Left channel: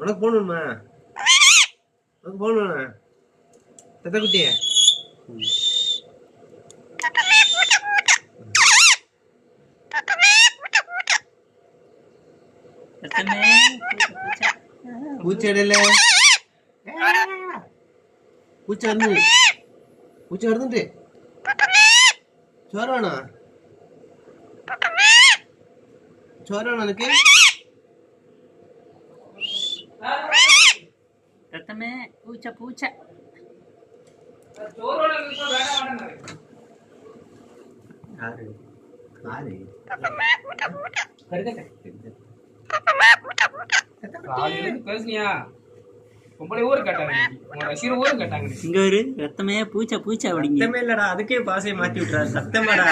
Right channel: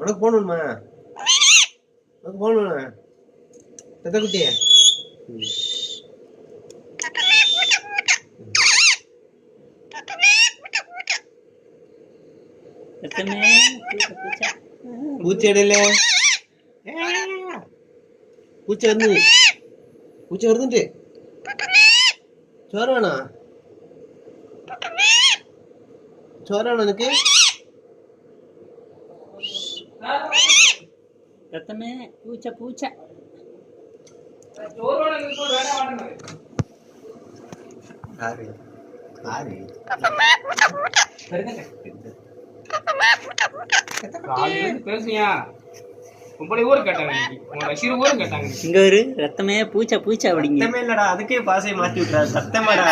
உனக்கு போகணுமா? உனக்கு போகணுமா பெத்த குட்டி? பூச்செடியில பூச்சை வருதுட்டு சோறானா எனக்கு ரத்தமே பூச்சை பேசுனியா? உங்களை ஊர் கேட்டாங்க, ஊர் கேட்டாங்க. இங்க ஒரு ரத்தமே பூச்சை அப்படிங்க. இல்லடா, அதுக்கே பாசையை மாத்தி விட்டுறா. சத்தமாடா.